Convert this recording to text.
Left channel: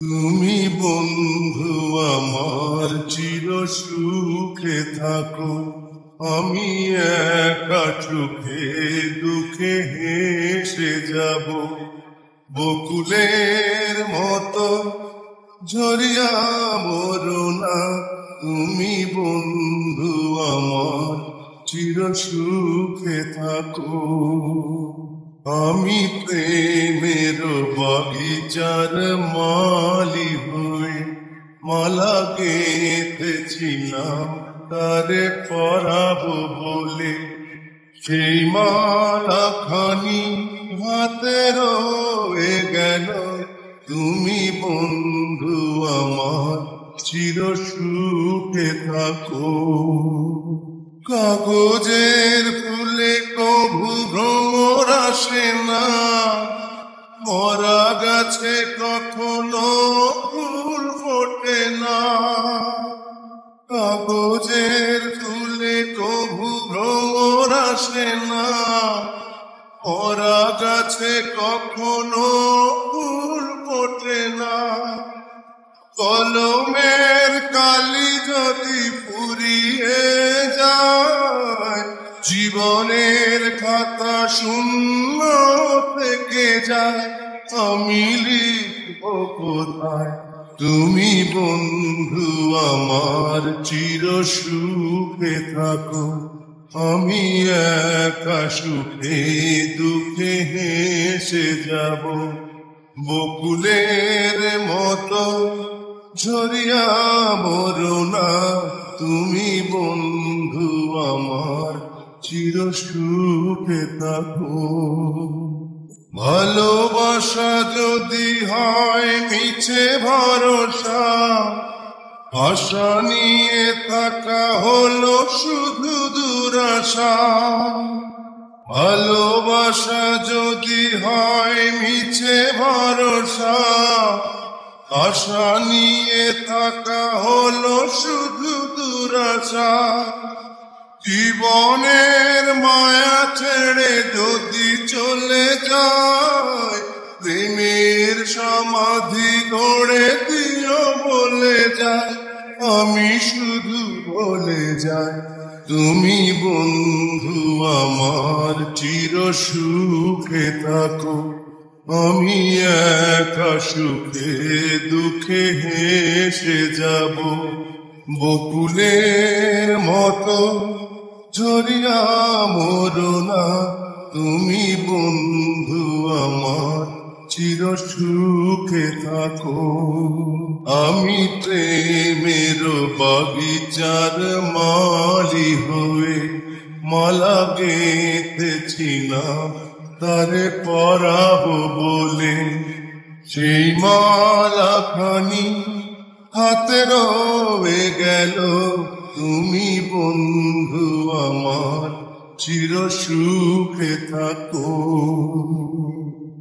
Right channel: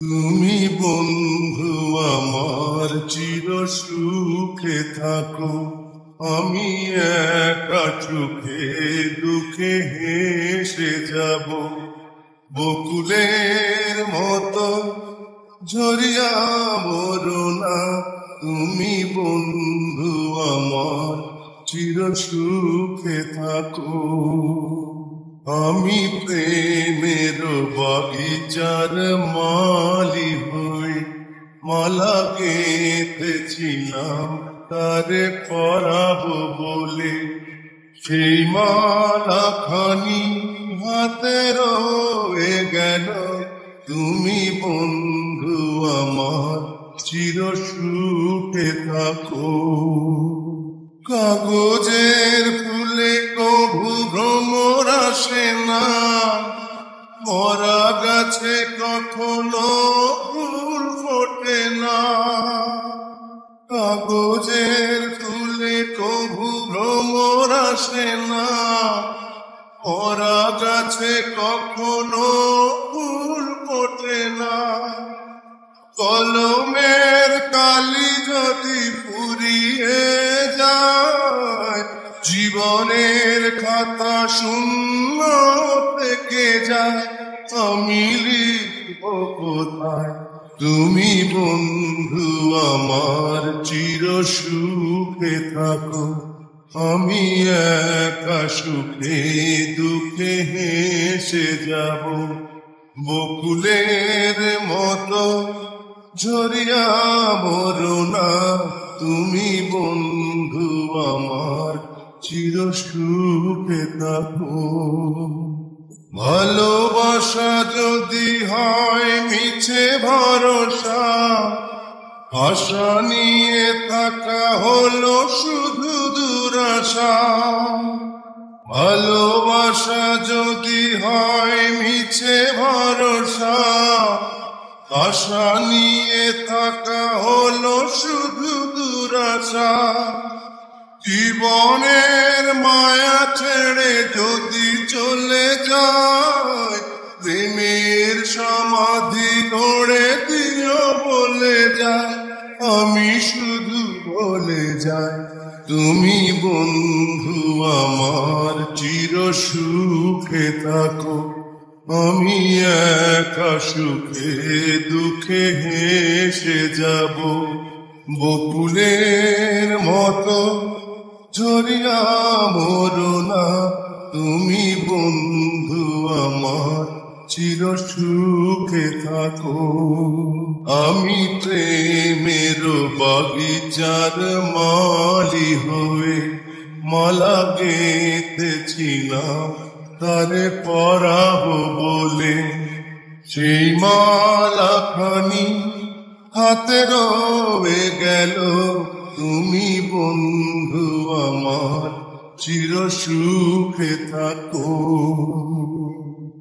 তুমি বন্ধু আমার চির সুখে থাকো, আমি একা চোখে দুঃখে হেসে যাব। বকুলের মতো ঝরিয়া মরো না, তুমি বন্ধু আমার চির সুখে থাকো। আমি প্রেমের বাগিচার মালি হয়ে মালা গেঁথেছিলাম তারে পরাবো বলে। সেই মালা খানি হাতে রয়ে গেল, তুমি বন্ধু আমার চির সুখে থাকো। কাগজের ফুলে কভু ভ্রমর আসে না, মরা গাছে কখনো ফুল ফোটে না। কাগজের ফুলে কভু ভ্রমর আসে না, মরা গাছে কখনো ফুল ফোটে না। কলমের কালি যদি ফুরিয়ে যায়, জীবনের খাতা শূন্য থেকে যায়। আমি লিখব কোথায়, তুমি বন্ধু আমার চির সুখে থাকো। আমি একা সুখে দুঃখে হেসে যাব। বকুলের মতো ঝরিয়া মরো না, তুমি বন্ধু আমার চির সুখে থাকো। ভালোবাসা যদি হয় মিছে ভরসা, আশা নিয়ে থাকা হলো শুধু দুরাশা। ভালোবাসা যদি হয় মিছে ভরসা, আশা নিয়ে থাকা হলো শুধু দুরাশা। জীবনের মায়া ছেড়ে যদি চলে যায়, প্রেমের সমাধি গড়ে দিও বলে যায়। আমি শুধু বলে যাই, তুমি বন্ধু আমার চির সুখে থাকো। আমি একা সুখে দুঃখে হেসে যাব। বকুলের মতো ঝরিয়া মরো না, তুমি বন্ধু আমার চির সুখে থাকো। আমি প্রেমের বাগিচার মালি হয়ে মালা গেঁথেছিলাম তারে পরাবো বলে। সেই মালা খানি হাতে রয়ে গেল, তুমি বন্ধু আমার চির সুখে থাকো।